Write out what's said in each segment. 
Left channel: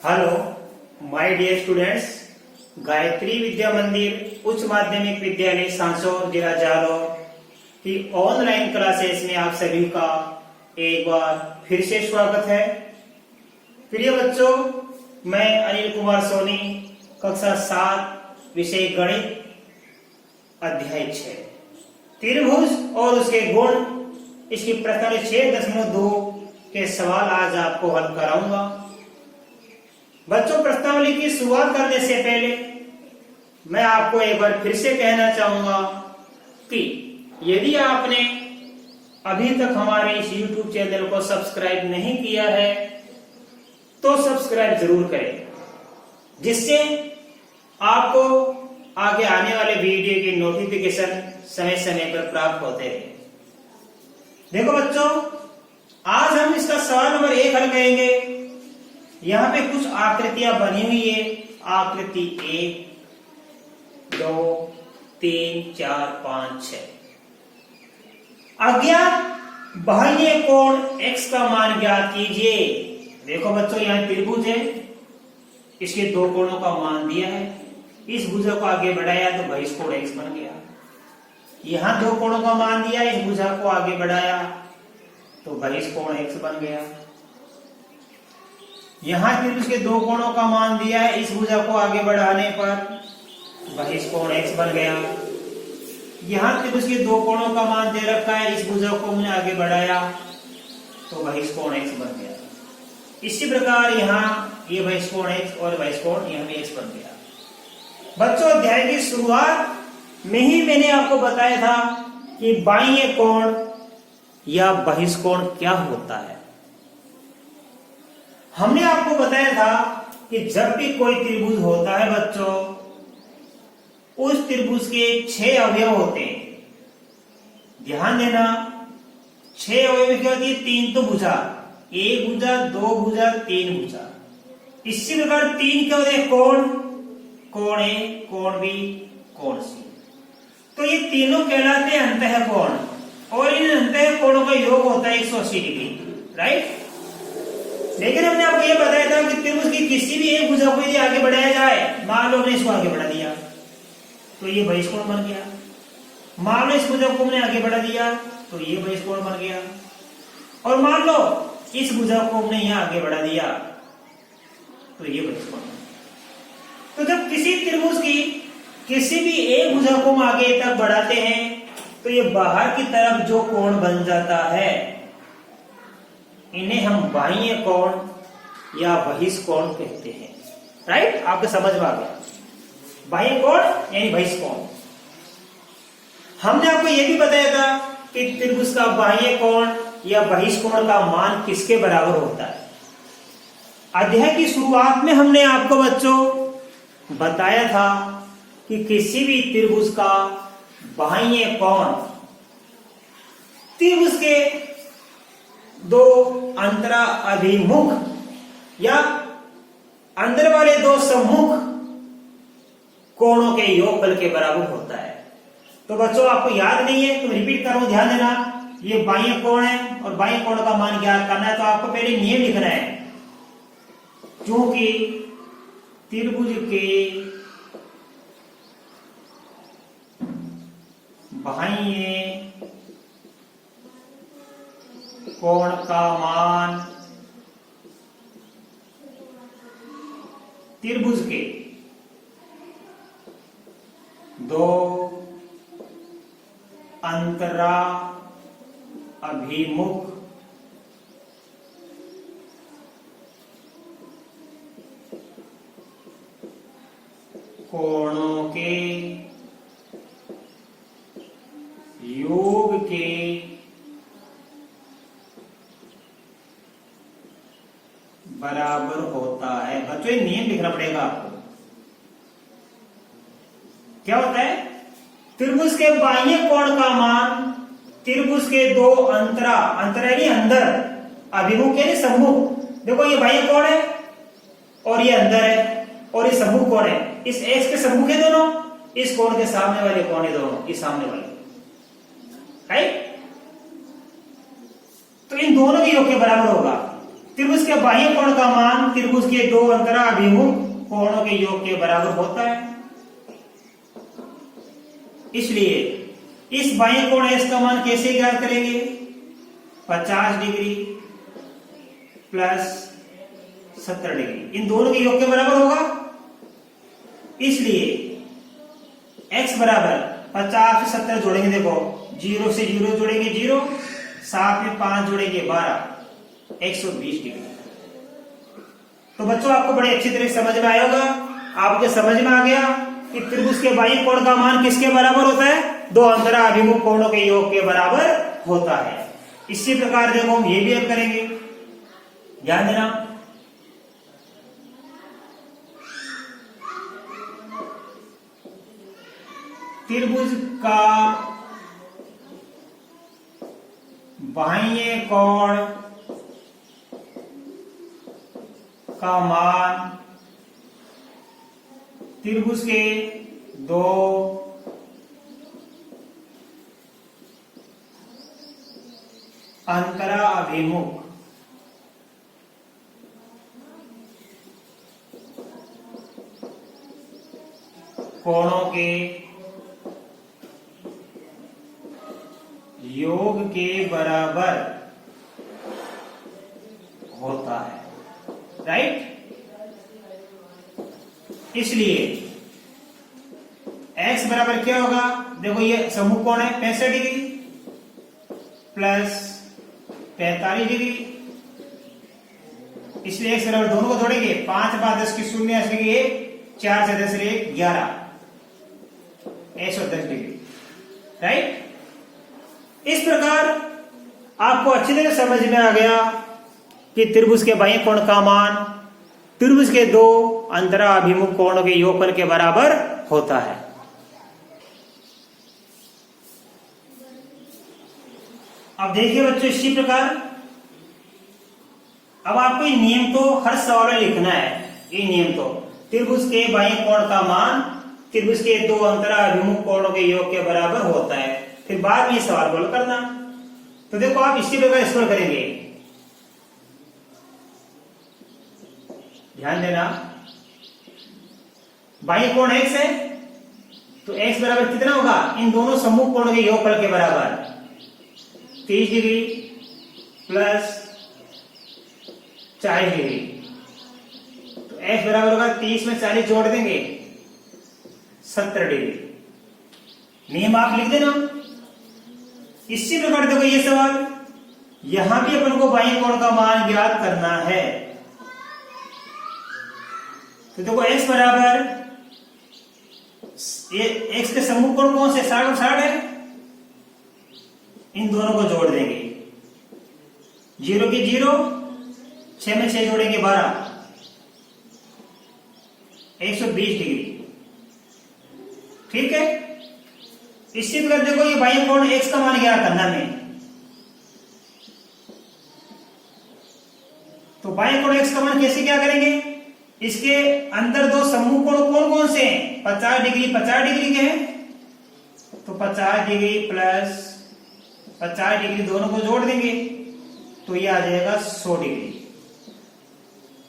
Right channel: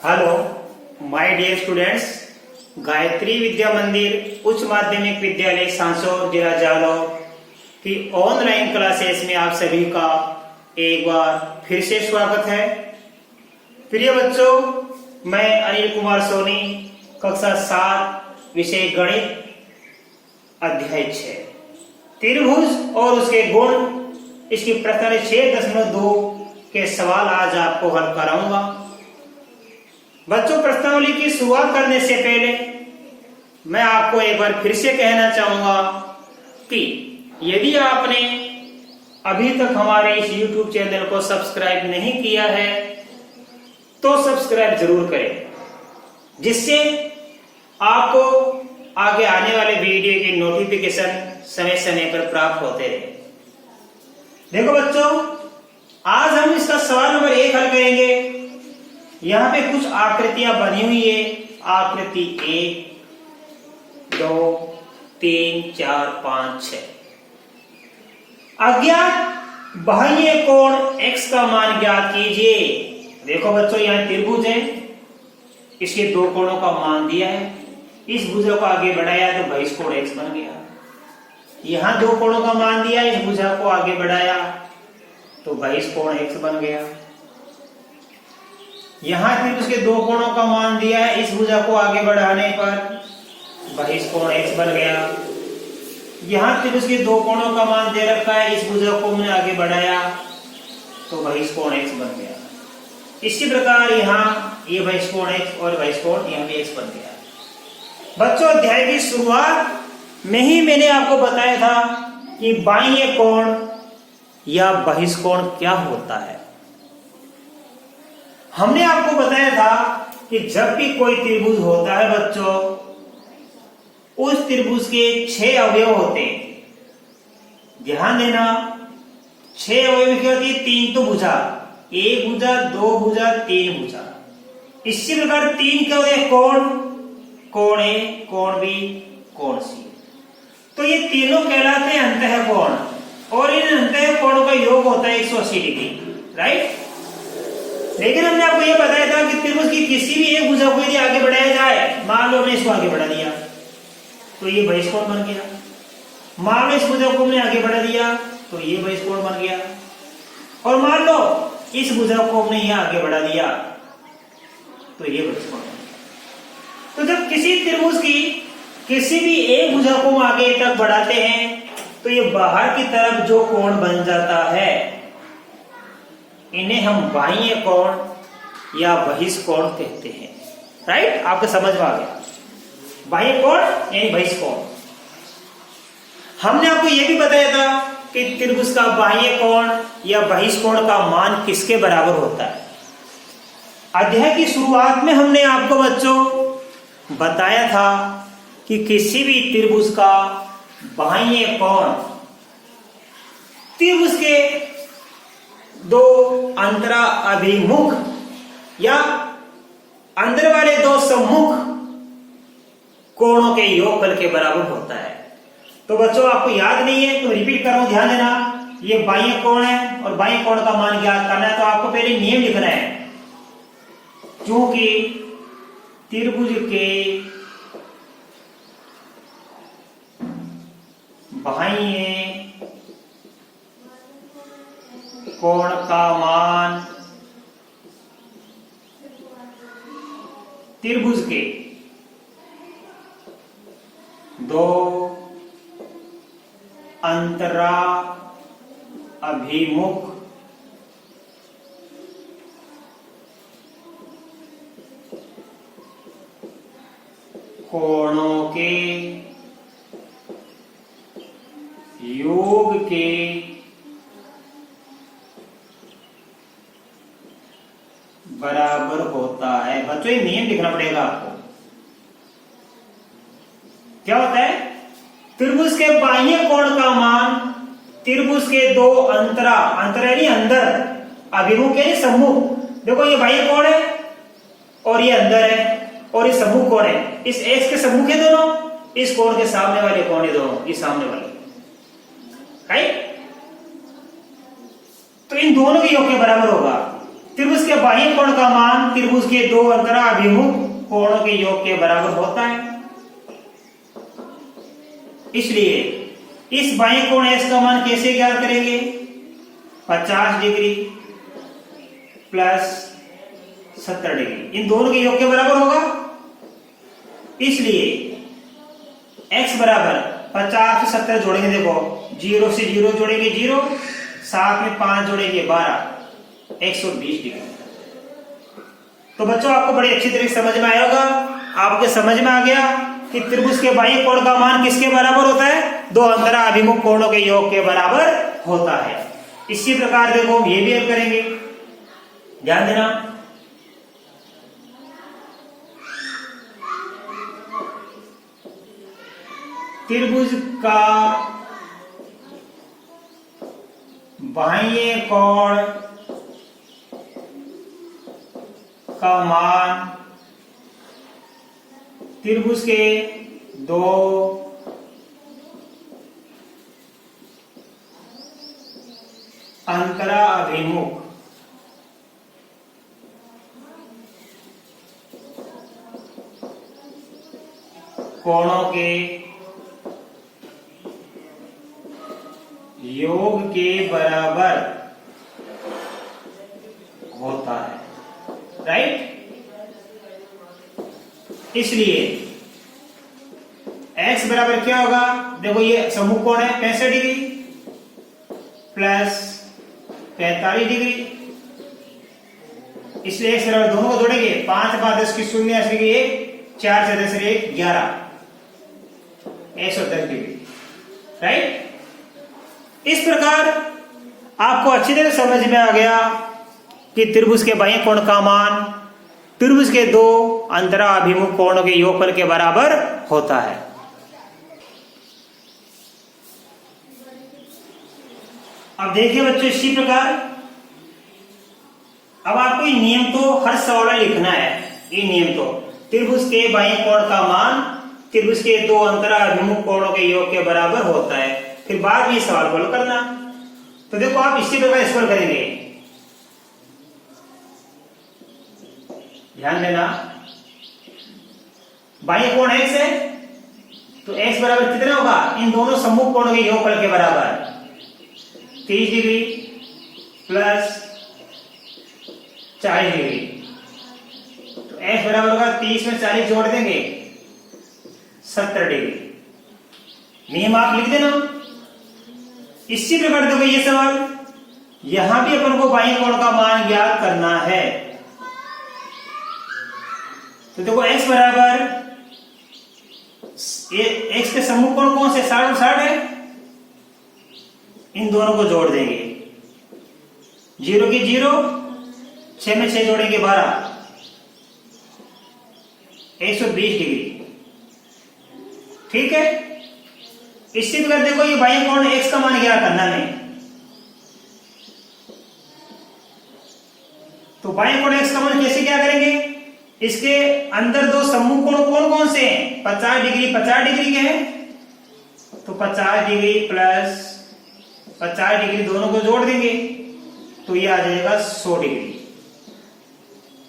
Hello my dear students, Gayatri Vidya Mandir उच्च माध्यमिक विद्यालय सांसौर जिला जालौर की ऑनलाइन क्लासेस में आप सभी का एक बार फिर से स्वागत है। प्रिय बच्चों, मैं अनिल कुमार सोनी, कक्षा 7, विषय गणित, अध्याय 6, त्रिभुज और उसके गुण, इसकी प्रकरण 6.2 के सवाल आज आपको हल कराऊंगा। बच्चों, प्रश्नावली की शुरुआत करने से पहले मैं आपको एक बार फिर से कहना चाहूंगा कि यदि आपने अभी तक हमारे इस YouTube चैनल को सब्सक्राइब नहीं किया है तो सब्सक्राइब जरूर करें, जिससे आपको आगे आने वाले वीडियो की नोटिफिकेशन समय समय पर प्राप्त होते रहे। देखो बच्चों, आज हम इसका सवाल नंबर 1 हल करेंगे। यहाँ पे कुछ आकृतियां बनी हुई है। आकृति 1, 2, 3, 4, 5, 6। अज्ञात बाह्य कोण x का मान ज्ञात कीजिए। देखो बच्चों, यहाँ त्रिभुज है, इसके दो कोणों का मान दिया है। इस भुजा को आगे बढ़ाया तो बहिष कोण x बन गया। यहाँ दो कोणों का मान दिया, इस भुजा को आगे बढ़ाया तो बहिष कोण x बन गया। यहाँ त्रिभुज के दो कोणों का मान दिया है, इस भुजा को आगे बढ़ाने पर बहिष कोण x बन गया। यहाँ त्रिभुज के दो कोणों का मान दे रखा है, इस भुजा को हमने आगे बढ़ाया तो बहिष कोण x बन गया। इसी प्रकार यहाँ ये बहिष कोण x और बहिष कोण यहाँ पे x बन गया। बच्चों, अध्याय की शुरुआत में ही मैंने आपको बताया था कि बाह्य कोण या बहिष कोण क्या होता है। हमने आपको बताया था कि जब भी कोई त्रिभुज होता है बच्चों, उस त्रिभुज के 6 अवयव होते हैं। ध्यान देना, 6 अवयव क्या होती है? 3 तो भुजा, 1 भुजा, 2 भुजा, 3 भुजा। इसी प्रकार 3 क्या होते हैं? कोण, कोण A, कोण B, कोण C। तो ये तीनों कहलाते हैं अंतःकोण, और इन अंतःकोणों का योग होता है 180 डिग्री, राइट। लेकिन हमने आपको यह बताया था कि त्रिभुज की किसी भी एक भुजा को यदि आगे बढ़ाया जाए, मान लो हमने इसको आगे बढ़ा दिया तो ये बहिष कोण बन गया। मान लो इस भुजा को हमने आगे बढ़ा दिया तो ये बहिष कोण बन गया। और मान लो इस भुजा को हमने यहां आगे बढ़ा दिया तो ये बहिष कोण बन गया। तो जब किसी त्रिभुज की किसी भी एक भुजा को हम आगे तक बढ़ाते हैं तो ये बाहर की तरफ जो कोण बन जाता है, इन्हें हम बाह्य कोण या बहिष कोण कहते हैं, राइट। आपको समझ में आ गया? बाह्य कोण यानी बहिष कोण। हमने आपको यह भी बताया था कि त्रिभुज का बाह्य कोण या बहिष कोण का मान किसके बराबर होता है। अध्याय की शुरुआत में हमने आपको बच्चों बताया था कि किसी भी त्रिभुज का बाह्य कोण त्रिभुज के दो अंतरा अभिमुख या अंदर वाले दो सम्मुख कोणों के योगफल के बराबर होता है। तो बच्चों, आपको याद नहीं है तो रिपीट करो, ध्यान देना। ये बाह्य कोण है और बाह्य कोण का मान ज्ञात करना है, तो आपको पहले नियम लिखना है। क्योंकि त्रिभुज के बाह्य कोण का मान त्रिभुज के दो अंतरा अभिमुख कोणों के योग के बराबर होता है। बच्चों, ये नियम लिखना पड़ेगा आपको। क्या होता है? त्रिभुज के बाह्य कोण का मान त्रिभुज के दो अंतरा यानी अंदर, अभिमुख यानी सम्मुख। देखो, ये बाह्य कोण है और ये अंदर है और ये सम्मुख कोण है। इस एक्स के सम्मुख है दोनों, इस कोण के सामने वाले कोण है दोनों, ये सामने वाले, राइट। तो इन दोनों के योग के बराबर होगा। त्रिभुज के बाह्य कोण का मान त्रिभुज के दो अंतराभिमुख कोणों के योग के बराबर होता है। इसलिए इस बाह्य कोण x का मान कैसे ज्ञात करेंगे? 50 डिग्री प्लस 70 डिग्री इन दोनों के योग के बराबर होगा। इसलिए x बराबर 50 से 70 जोड़ेंगे, देखो 0 से 0 जोड़ेंगे 0, साथ में 5 जोड़ेंगे 12, 120 डिग्री। तो बच्चों आपको बड़ी अच्छी तरह समझ में आया होगा। आपके समझ में आ गया कि त्रिभुज के बाह्य कोण का मान किसके बराबर होता है? दो अंतराभिमुख कोणों के योग के बराबर होता है। इसी प्रकार देखो हम ये भी हल करेंगे, ध्यान देना। त्रिभुज का बाह्य कोण का मान त्रिभुज के दो अंतराभिमुख कोणों के योग के बराबर होता है, राइट। इसलिए x बराबर क्या होगा? देखो ये सम्मुख कोण है 65 डिग्री प्लस 45 डिग्री, इसलिए x बराबर दोनों को जोड़ेंगे, 5 5 10 की 0 असली 1, 4 से 10 1 11, 110 डिग्री, राइट। इस प्रकार आपको अच्छी तरह समझ में आ गया कि त्रिभुज के बाह्य कोण का मान त्रिभुज के दो अंतराभिमुख कोणों के योगफल के बराबर होता है। अब देखिए बच्चों, इसी प्रकार अब आपको ये नियम तो हर सवाल में लिखना है। ये नियम तो त्रिभुज के बाह्य कोण का मान त्रिभुज के दो अंतराभिमुख कोणों के योग के बराबर होता है। फिर बाद में ये सवाल फॉलो करना। तो देखो आप इसी प्रकार इसको करेंगे, ध्यान देना। बाह्य कोण x है तो x बराबर कितना होगा? इन दोनों सम्मुख कोणों के योगफल के बराबर 30 डिग्री प्लस 40 डिग्री। तो x बराबर होगा 30 में 40 जोड़ देंगे 70 डिग्री। नियम आप लिख देना। इसी प्रकार देखो ये सवाल, यहां भी अपन को बाह्य कोण का मान ज्ञात करना है। तो देखो x बराबर ये x के सम्मुख कोण कौन से? 60 और 60 है, इन दोनों को जोड़ देंगे, 0 की 0, 6 में 6 जोड़ेंगे 12, 120 डिग्री, ठीक है। इसी प्रकार देखो ये बाह्य कोण x का मान ज्ञात करना है। तो बाह्य कोण x का मान कैसे क्या करेंगे? इसके अंदर दो सम्मुख कोण कौन कौन से हैं? 50 डिग्री 50 डिग्री के हैं, तो 50 डिग्री प्लस 50 डिग्री दोनों को जोड़ देंगे तो ये आ जाएगा 100 डिग्री,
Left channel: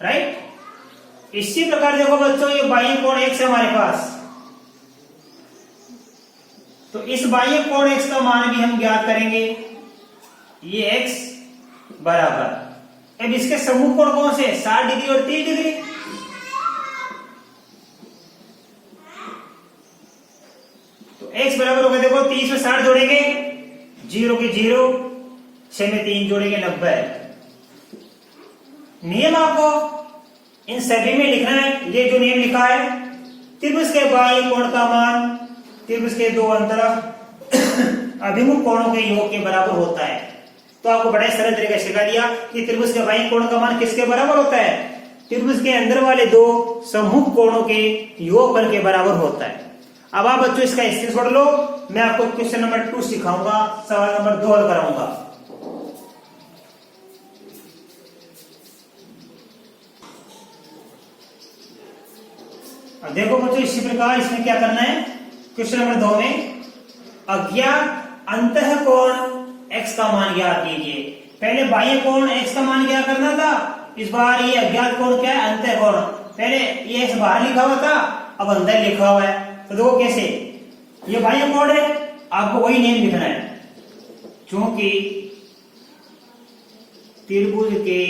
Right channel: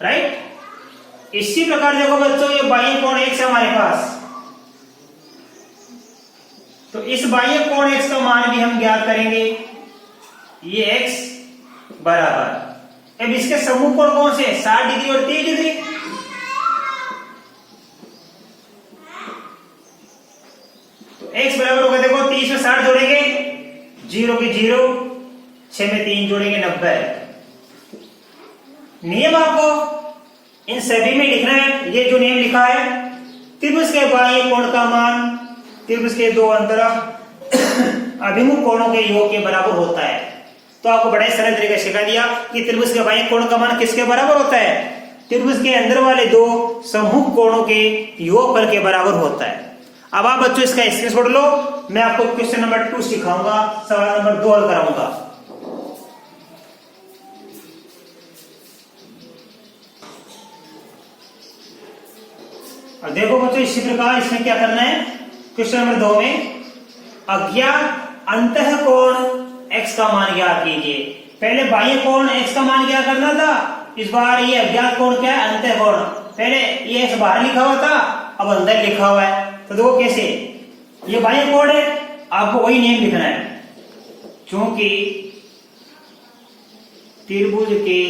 राइट। इसी प्रकार देखो बच्चों ये बाह्य कोण x है हमारे पास, तो इस बाह्य कोण x का मान भी हम ज्ञात करेंगे। ये x बराबर, अब इसके सम्मुख कोण कौन से? 60 डिग्री और 30 डिग्री। तो x बराबर होगा, देखो 30 में 60 जोड़ेंगे, 0 की 0, 6 में 3 जोड़ेंगे 90। नियम आपको इन सभी में लिखना है। ये जो नियम लिखा है, त्रिभुज के बाह्य कोण का मान त्रिभुज के दो अंतरा अभिमुख कोणों के योग के बराबर होता है। तो आपको बड़े सरल तरीके से सिखा दिया कि त्रिभुज के बाह्य कोण का मान किसके बराबर होता है? त्रिभुज के अंदर वाले दो सम्मुख कोणों के योगफल के बराबर होता है। अब आप बच्चों इसका स्क्रीनशॉट लो, मैं आपको क्वेश्चन नंबर 2 सिखाऊंगा, सवाल नंबर 2 हल कराऊंगा। अब देखो बच्चों इसी प्रकार इसमें क्या करना है, क्वेश्चन नंबर 2 में अज्ञात अंतःकोण x का मान ज्ञात कीजिए। पहले बाह्य कोण x का मान ज्ञात करना था, इस बार ये अज्ञात कोण क्या है, अंतः कोण। पहले ये x बाहर लिखा हुआ था, अब अंदर लिखा हुआ है। तो देखो कैसे, ये बाह्य कोण है, आपको वही नियम लिखना है। क्योंकि त्रिभुज के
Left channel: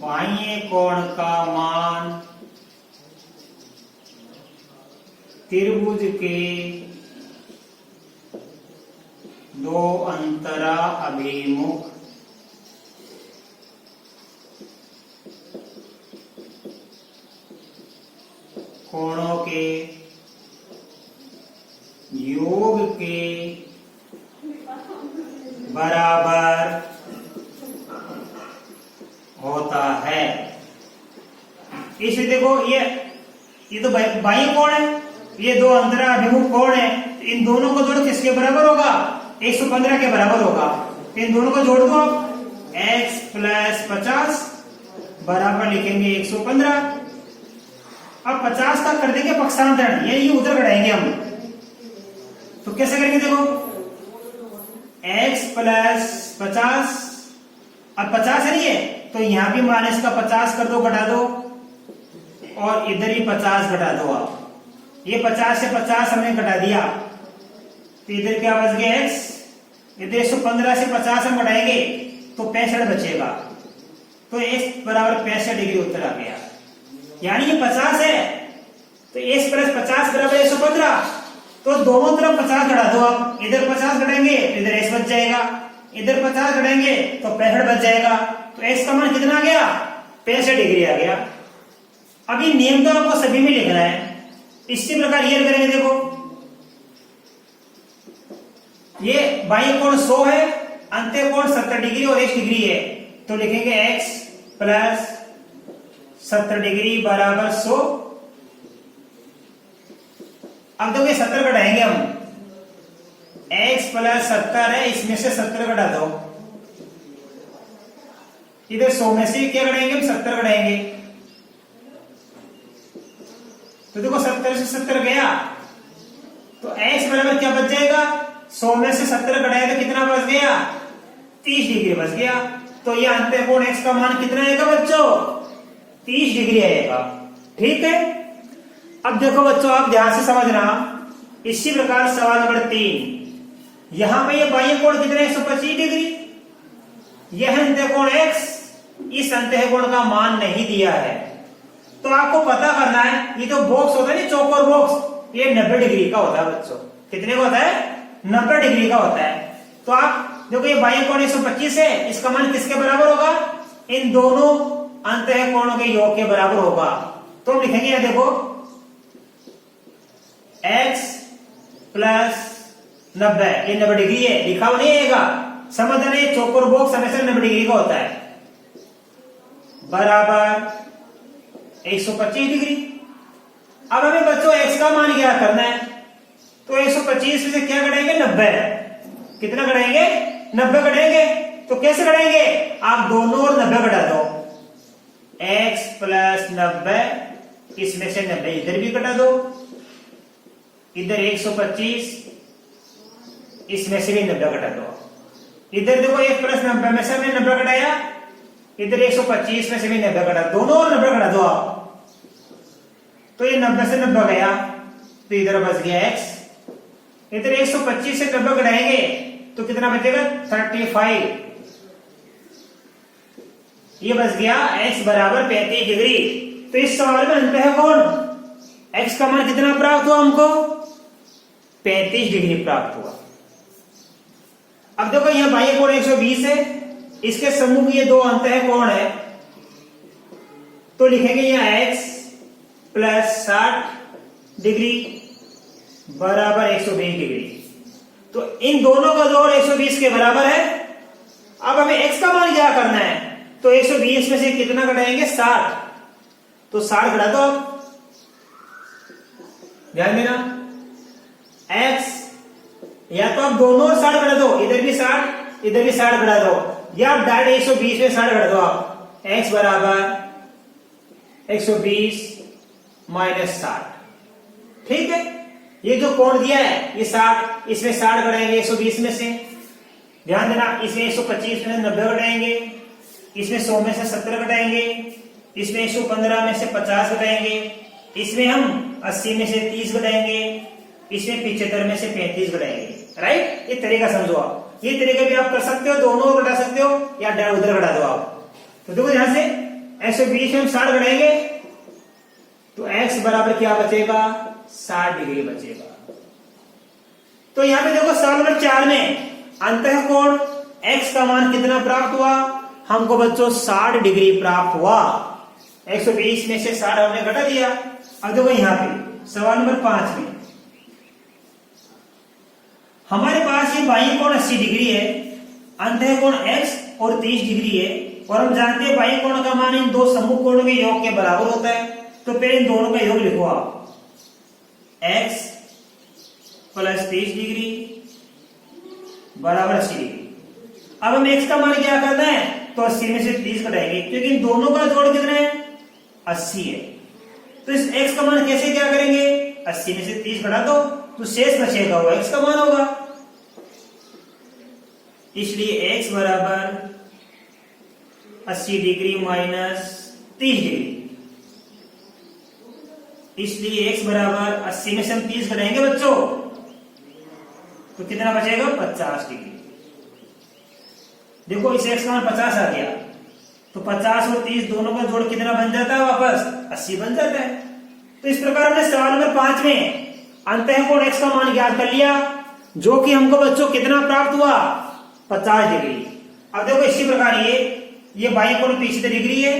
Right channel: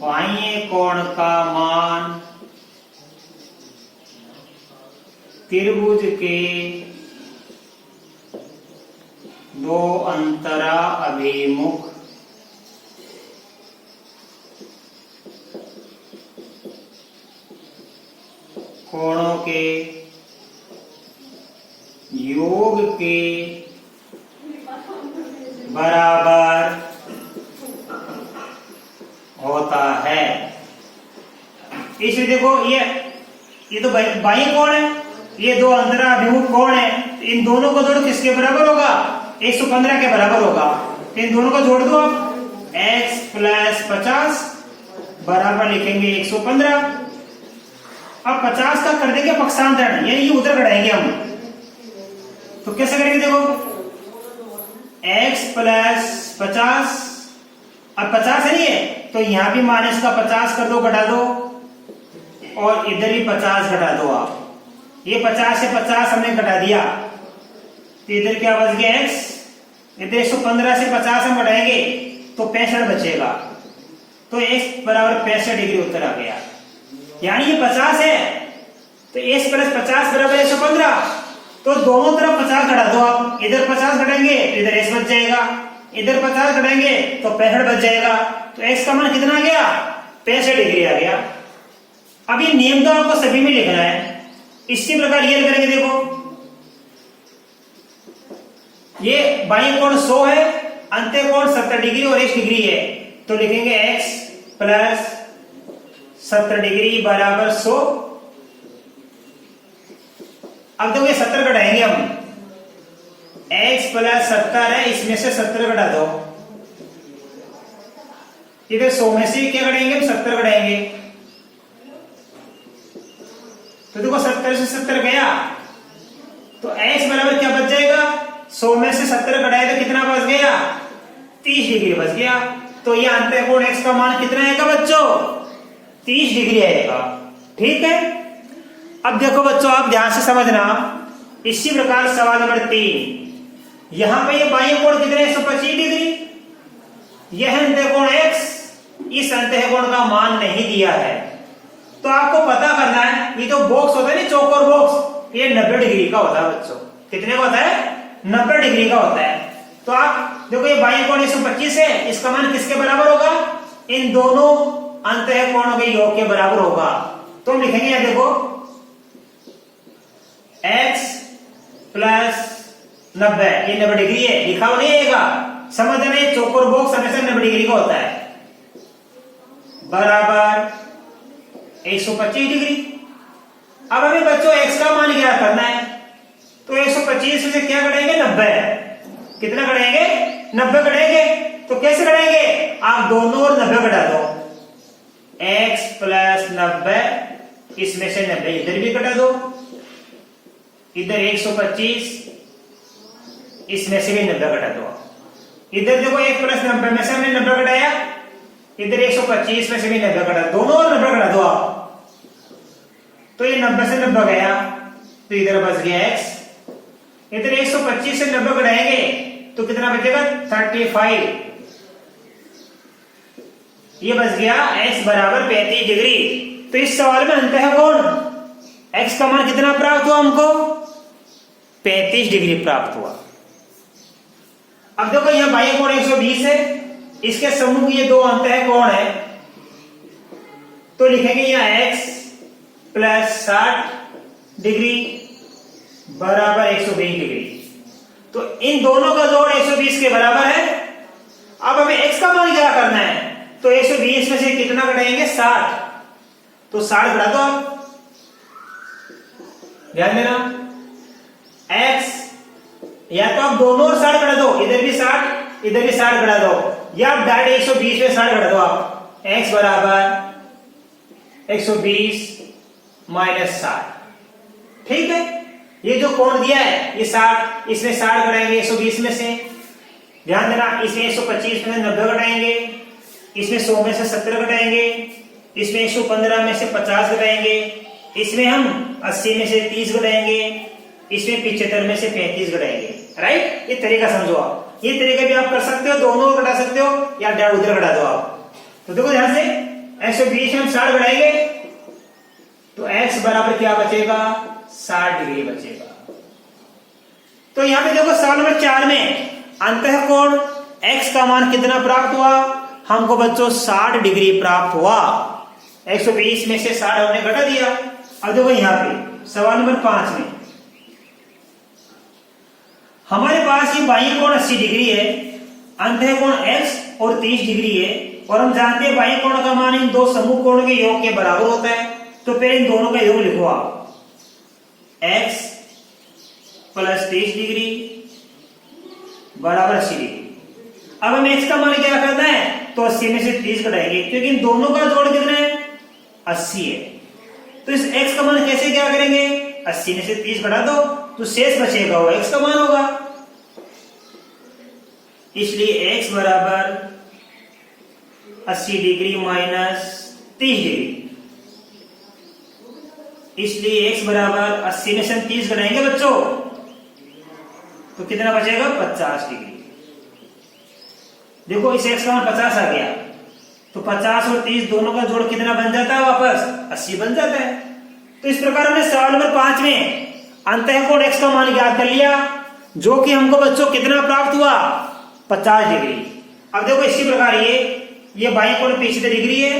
बाह्य कोण का मान त्रिभुज के दो अंतरा अभिमुख कोणों के योग के बराबर होता है। इसलिए देखो ये तो बाह्य कोण है, ये दो अंतरा अभिमुख कोण है, इन दोनों को जोड़ो किसके बराबर होगा, 115 के बराबर होगा। इन दोनों को जोड़ दो, x प्लस 50 बराबर लिखेंगे 115। अब 50 का कर देंगे पक्षांतरण, ये उधर बढ़ाएंगे हम। तो कैसे करेंगे, देखो x प्लस 50, अब 50 है ये, तो यहां भी माइनस का 50 कर दो, घटा दो, और इधर भी 50 घटा दो आप। ये 50 से 50 हमने घटा दिया, तो इधर क्या बच गया x, इधर 115 से 50 हम घटाएंगे तो 65 बचेगा। तो x बराबर 65 डिग्री उत्तर आ गया। यानी ये 50 है, तो x प्लस 50 बराबर 115। तो दोनों तरफ 50 घटा दो आप, इधर 50 घटाएंगे तो इधर x बच जाएगा, इधर 50 घटाएंगे तो 65 बच जाएगा। तो x का मान कितना आ गया, 65 डिग्री आ गया। अब ये नियम तो आपको सभी में लिखना है। इसी प्रकार ये करेंगे, देखो ये बाह्य कोण 100 है, अंतः कोण 70 डिग्री और 1 डिग्री है, तो लिखेंगे x प्लस 70 डिग्री बराबर 100। अब देखो ये 70 घटाएंगे हम, x प्लस 70 है, इसमें से 70 घटा दो, इधर 100 में से क्या घटाएंगे, 70 घटाएंगे। तो देखो 70 से 70 गया, तो x बराबर क्या बच जाएगा, 100 में से 70 घटाए तो कितना बच गया, 30 डिग्री बच गया। तो ये अंतः कोण x का मान कितना आएगा बच्चों, 30 डिग्री आएगा। ठीक है। अब देखो बच्चों, आप ध्यान से समझना। इसी प्रकार सवाल नंबर 3, यहां पर ये बाह्य कोण कितना है, 125 डिग्री। यह अंतः कोण x, इस अंतः कोण का मान नहीं दिया है, तो आपको पता करना है। ये तो बॉक्स होता है ना, चौकोर बॉक्स, ये 90 डिग्री का होता है बच्चों। कितने का होता है, 90 डिग्री का होता है। तो आप देखो ये बाह्य कोण 125 है, इसका मान किसके बराबर होगा, इन दोनों अंतः कोणों के योग के बराबर होगा। तो हम लिखेंगे यहां देखो x प्लस 90, ये 90 डिग्री है, लिखा हुआ नहीं आएगा, समझ रहे हैं। चौकोर बॉक्स हमेशा 90 डिग्री का होता है, बराबर 125 डिग्री। अब हमें बच्चों x का मान क्या करना है, तो 125 से क्या करेंगे, 90, कितना करेंगे, 90 करेंगे। तो कैसे करेंगे, आप दोनों और 90 घटा दो, x प्लस 90, इसमें से 90 इधर भी घटा दो, इधर 125, इसमें से भी 90 घटा दो। इधर देखो 1 प्लस 90 में से हमने 90 घटाया, इधर 125 में से भी 90 घटा, दोनों और 90 घटा दो आप। तो ये 90 से 90 गया, तो इधर बच गया x। इधर 125 से 90 घटाएंगे तो कितना बचेगा, 35। ये बच गया x बराबर 35 डिग्री। तो इस सवाल में अंतः कोण x का मान कितना प्राप्त हुआ हमको, 35 डिग्री प्राप्त हुआ। अब देखो यह बाह्य कोण 120 है, इसके सम्मुख ये दो अंतः कोण है, तो लिखेंगे यहां x प्लस 60 डिग्री बराबर 120 डिग्री। तो इन दोनों का जोड़ 120 के बराबर है। अब हमें x का मान क्या करना है, तो 120 में से कितना घटाएंगे, 60, तो 60 घटा दो आप, ध्यान देना। x या तो आप दोनों और 60 घटा दो, इधर भी 60 इधर भी 60 घटा दो, या आप डायरेक्ट 120 में 60 घटा दो आप। x बराबर 120 माइनस 60। ठीक है, ये जो कोण दिया है ये 60, इसमें 60 घटाएंगे 120 में से, ध्यान देना, इसमें 125 में 90 घटाएंगे, इसमें 100 में से 70 घटाएंगे, इसमें 115 में से 50 घटाएंगे, इसमें हम 80 में से 30 घटाएंगे, इसमें 75 में से 35 घटाएंगे। राइट, ये तरीका समझो आप। ये तरीका भी आप कर सकते हो, दोनों घटा सकते हो या उधर घटा दो आप। तो देखो ध्यान से, 120 में हम 60 घटाएंगे तो x बराबर क्या बचेगा, 60 डिग्री बचेगा। तो यहां पे देखो सवाल नंबर 4 में अंतः कोण x का मान कितना प्राप्त हुआ, हमको बच्चों 60 डिग्री प्राप्त हुआ। 120 में से 60 हमने घटा दिया। अब देखो यहां पे सवाल नंबर 5 में हमारे पास ये बाह्य कोण 80 डिग्री है, अंतः कोण x और 30 डिग्री है, और हम जानते हैं बाह्य कोण का मान इन दो समूह कोण के योग के बराबर होता है। तो पहले इन दोनों का योग लिखो आप, x प्लस 30 डिग्री बराबर 80 डिग्री। अब हम x का मान क्या करना है, तो 80 में से 30 घटाएंगे, क्योंकि इन दोनों का जोड़ कितना है, 80 है। तो इस x का मान कैसे क्या करेंगे, 80 में से 30 घटा दो तो शेष बचेगा वो x का मान होगा। इसलिए x बराबर 80 डिग्री माइनस 30 डिग्री, इसलिए x बराबर 80 में से हम 30 घटाएंगे बच्चों तो कितना बचेगा, 50 डिग्री। देखो इस x का मान 50 आ गया, तो 50 और 30 दोनों का जोड़ कितना बन जाता है, वापस 80 बन जाता है। तो इस प्रकार हमने सवाल नंबर 5 में अंतः कोण x का मान ज्ञात कर लिया, जो कि हमको बच्चों कितना प्राप्त हुआ, 50 डिग्री। अब देखो इसी प्रकार ये बाह्य कोण 75 डिग्री है,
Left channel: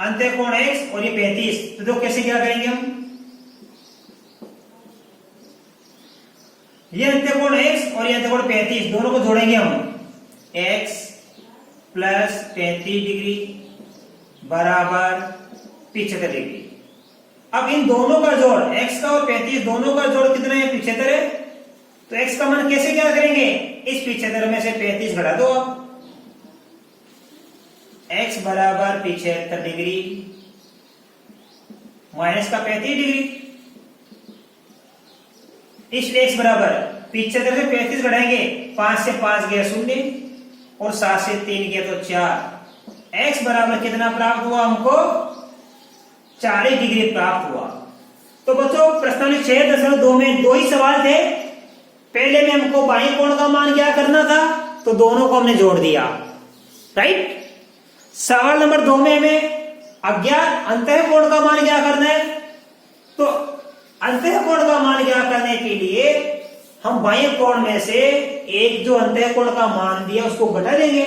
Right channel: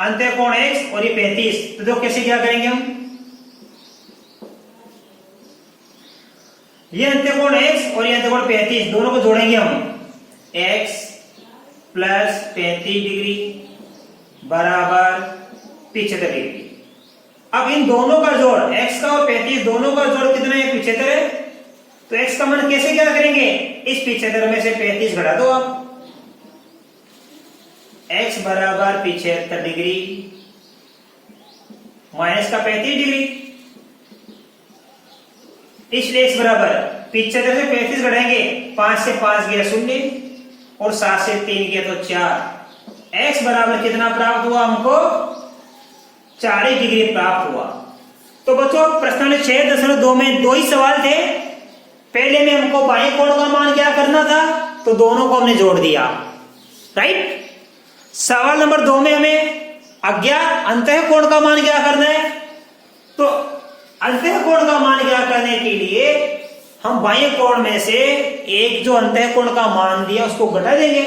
अंतः कोण x और ये 35, तो देखो कैसे क्या करेंगे हम, ये अंत्य कोण x और ये अंत्य कोण 35 दोनों को जोड़ेंगे हम, x प्लस 35 डिग्री बराबर 75 डिग्री। अब इन दोनों का जोड़, x का और 35 दोनों का जोड़ कितना है, 75 है। तो x का मान कैसे क्या करेंगे, इस 75 में से 35 घटा दो आप, x बराबर 75 डिग्री माइनस का 35 डिग्री, इसलिए x बराबर 75 से 35 घटाएंगे, 5 से 5 गया 0 और 7 से 3 गया तो 4। x बराबर कितना प्राप्त हुआ हमको, 40 डिग्री प्राप्त हुआ। तो बच्चों प्रश्न 6.2 में दो ही सवाल थे। पहले में हमको बाह्य कोण का मान क्या करना था, तो दोनों को हमने जोड़ दिया। राइट, सवाल नंबर 2 में हमें अज्ञात अंतः कोण का मान क्या करना है, तो अंतः कोण का मान क्या करने के लिए हम बाह्य कोण में से एक जो अंतः कोण का मान दिया उसको घटा देंगे।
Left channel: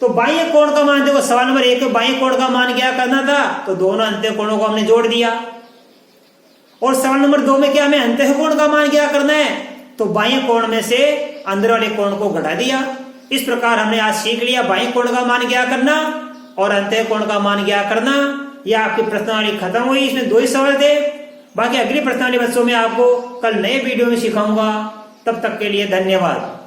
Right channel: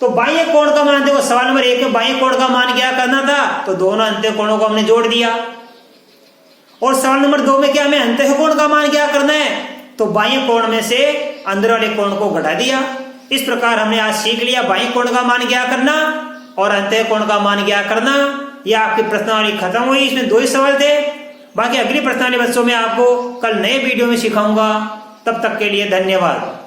तो बाह्य कोण का मान देखो, सवाल नंबर 1 में बाह्य कोण का मान क्या करना था, तो दोनों अंतः कोणों को हमने जोड़ दिया। और सवाल नंबर 2 में क्या हमें अंतः कोण का मान क्या करना है, तो बाह्य कोण में से अंदर वाले कोण को घटा दिया। इस प्रकार हमने आज सीख लिया बाह्य कोण का मान क्या करना और अंतः कोण का मान क्या करना। यह आपकी प्रश्नावली खत्म हुई, इसमें 2 ही सवाल थे। बाकी अगली प्रश्नावली बच्चों में आपको कल नए वीडियो में सिखाऊंगा। तब तक के लिए धन्यवाद।